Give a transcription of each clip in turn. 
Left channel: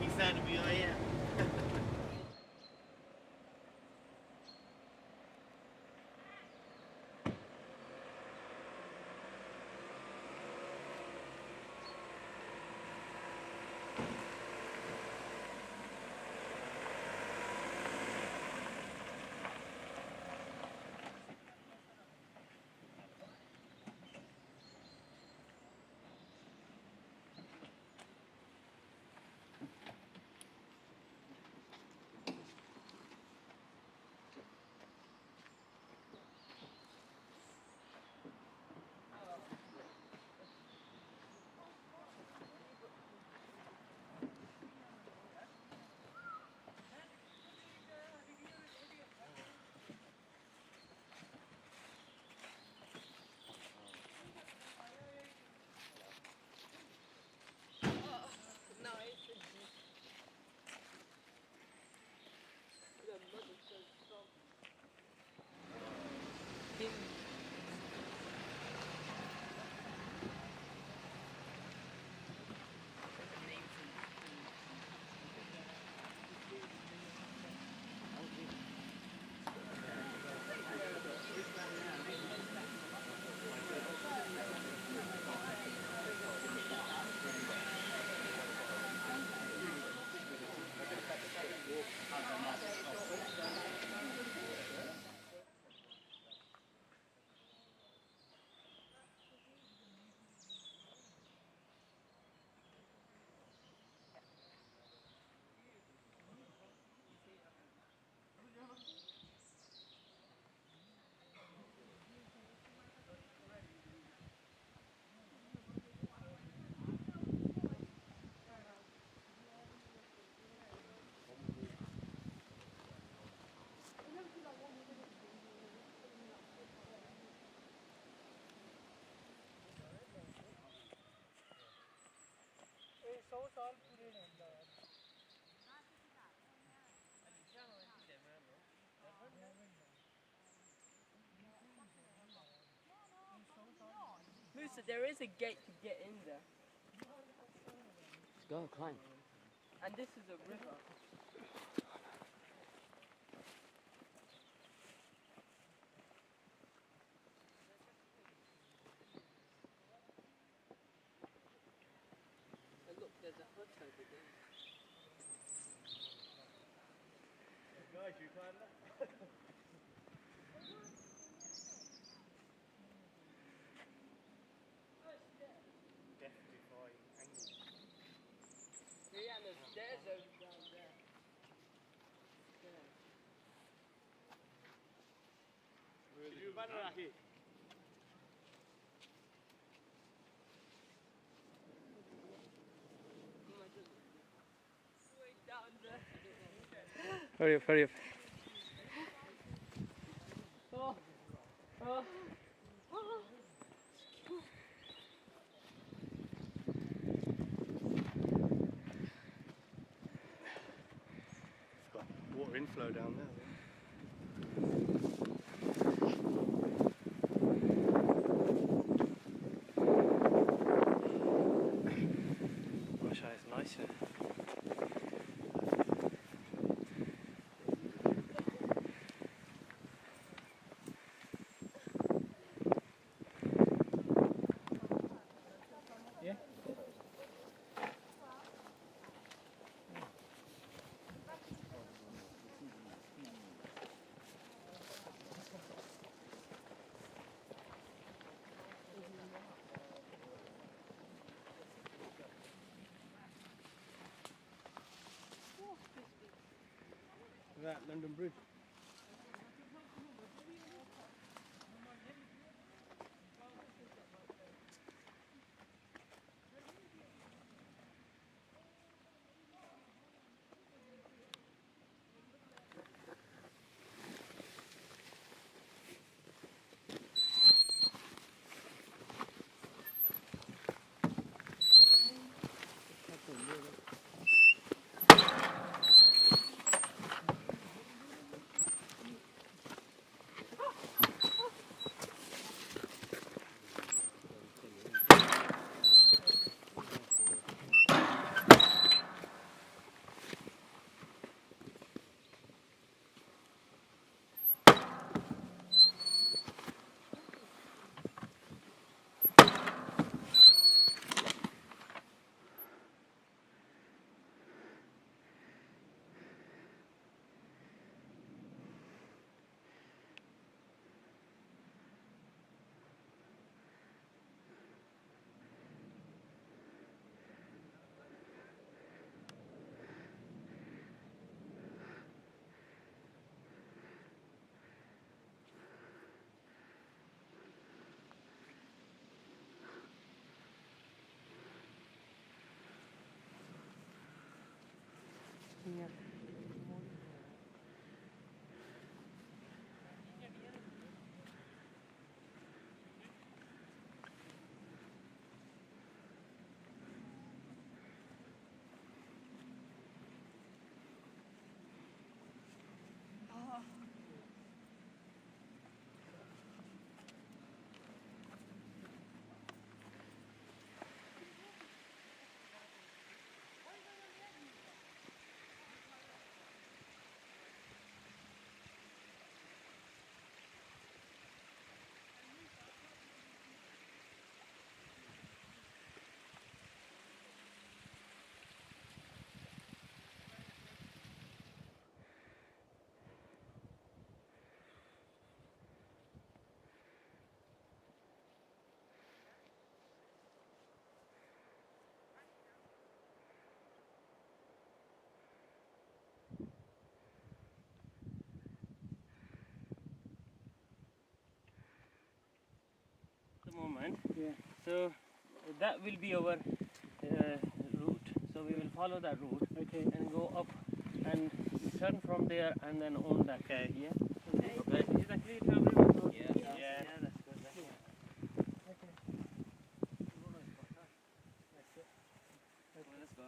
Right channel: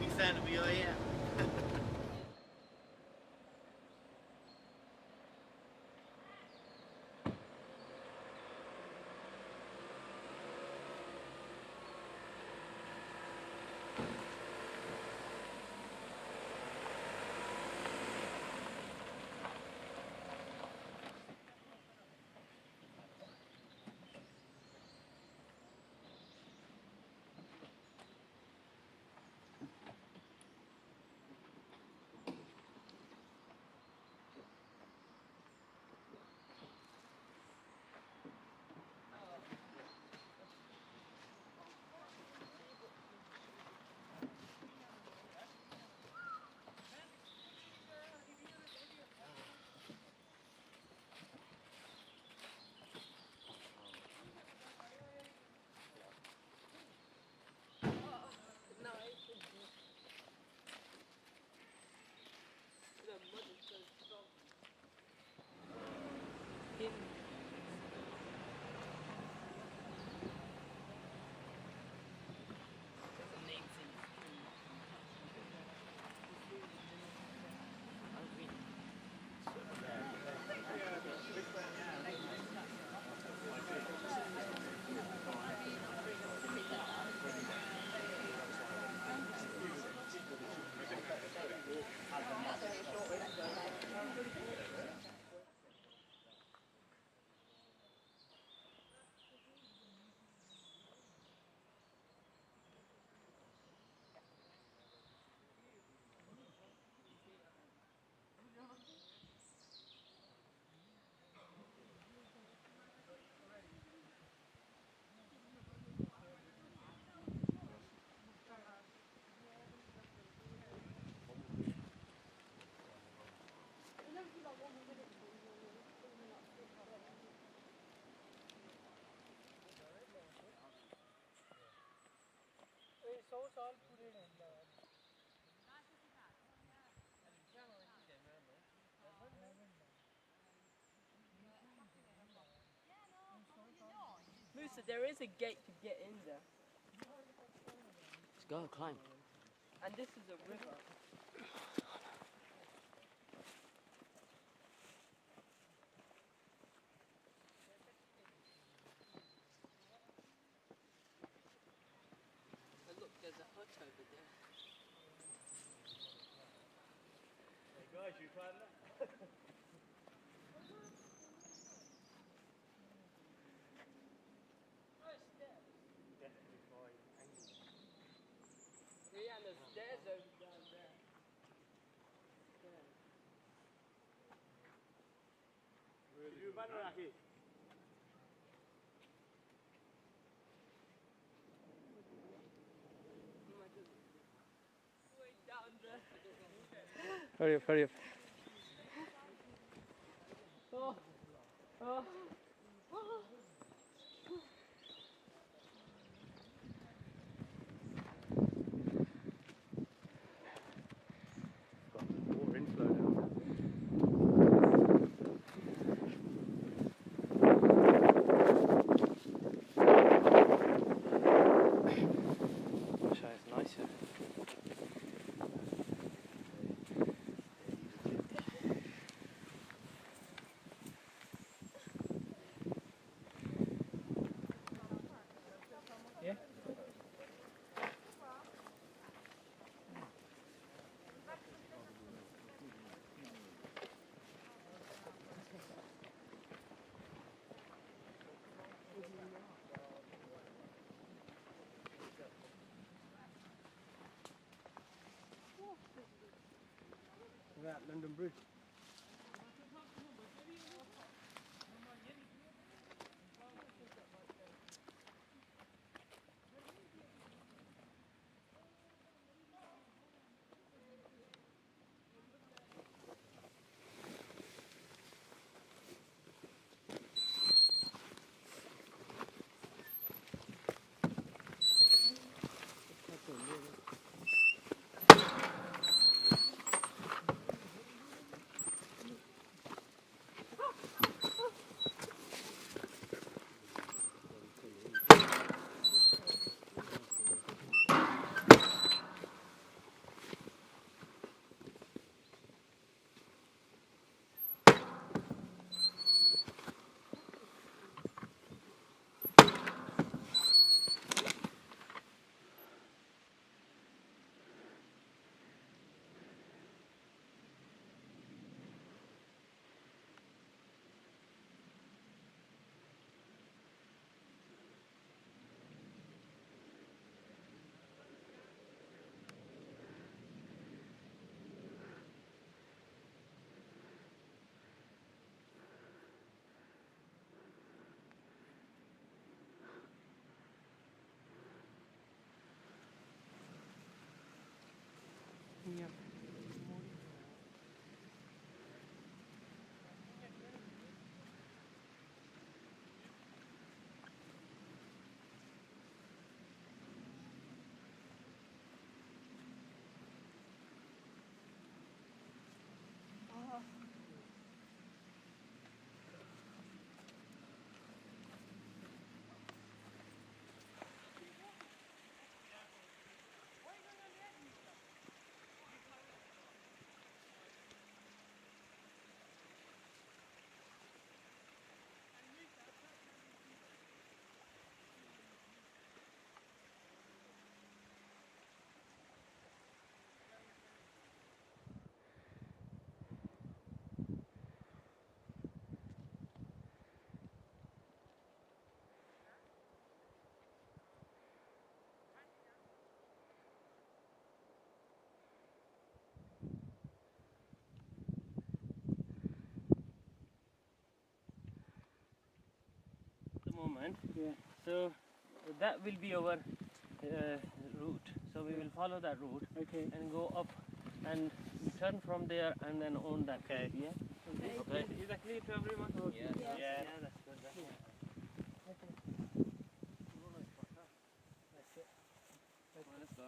Pakistan'ı bir o ya. Musa, there is a gate to get in there. Go, climb. And this is a river. Oh look, there's a hut over there. Guys, you climb that? Definitely fine angle. Yeah, and there's stairs over down there. You run around here. Way down there. Hurry up, hurry up. Oh. Oh. Oh. It's got water inflow down there. Gosh, it's nice here. That London Bridge. land. Yeah. So that will be our route. So we will follow that route Okay. and go up and we turn from there and then on that. Okay. Yeah. Okay. Is that clear to everyone? Yeah. Yeah. That's good. That's good. Let's go.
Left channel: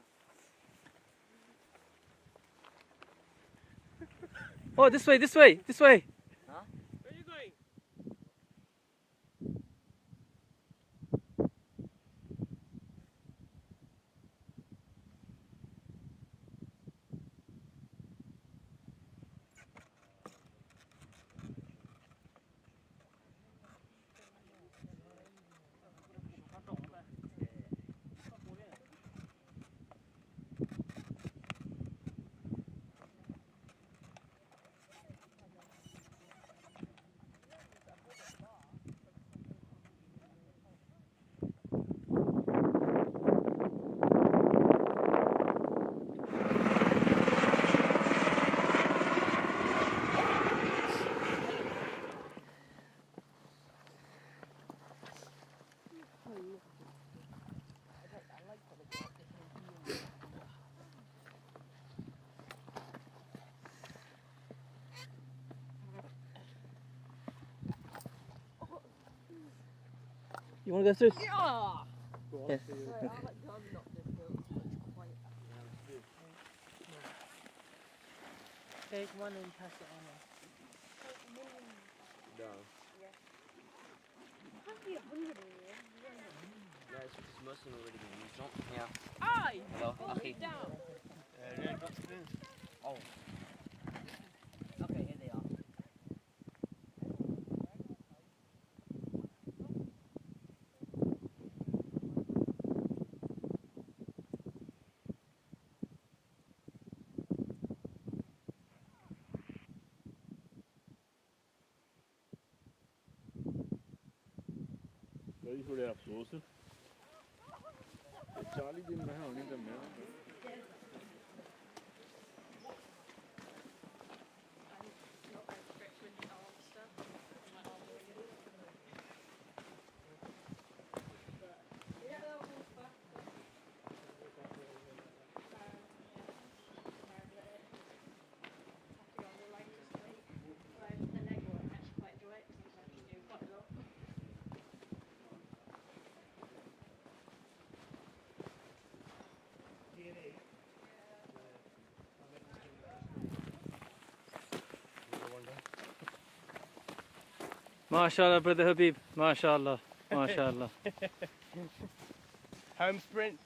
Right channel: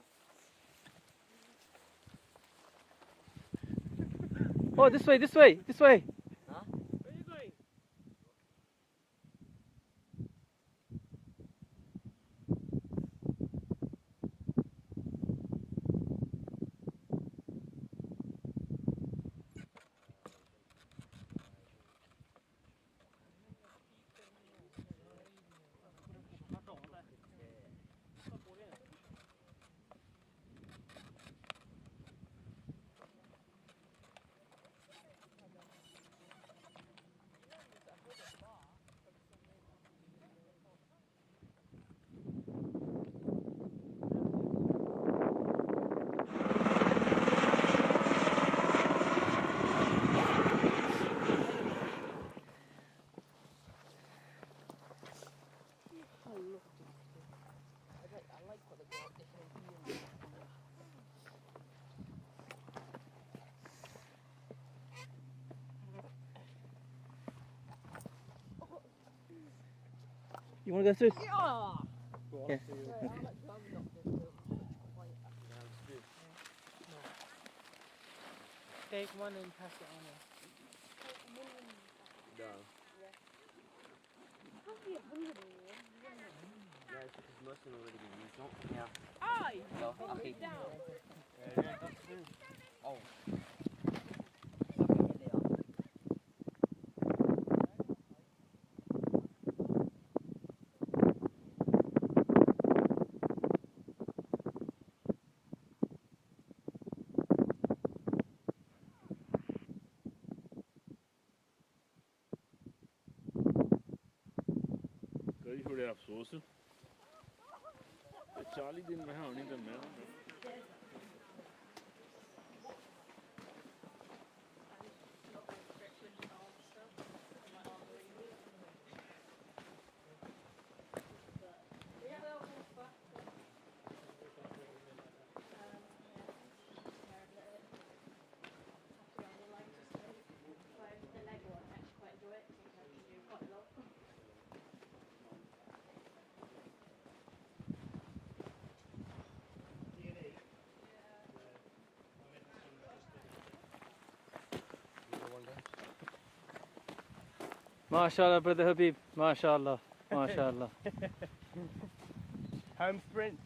Oh, this way, this way, this way. Where are you going? You want to go through? Yeah. Go on, Yeah. see you. Take one and pass it on. No. Yeah, it's because most of them are already been used. Don't. Yeah. So, okay. Oh. Okay, here they are. कई थोड़े अफसोस 40 दिन में होनी तो मैं MashaAllah, brother Habib. MashaAllah. MashaAllah. Home sprint.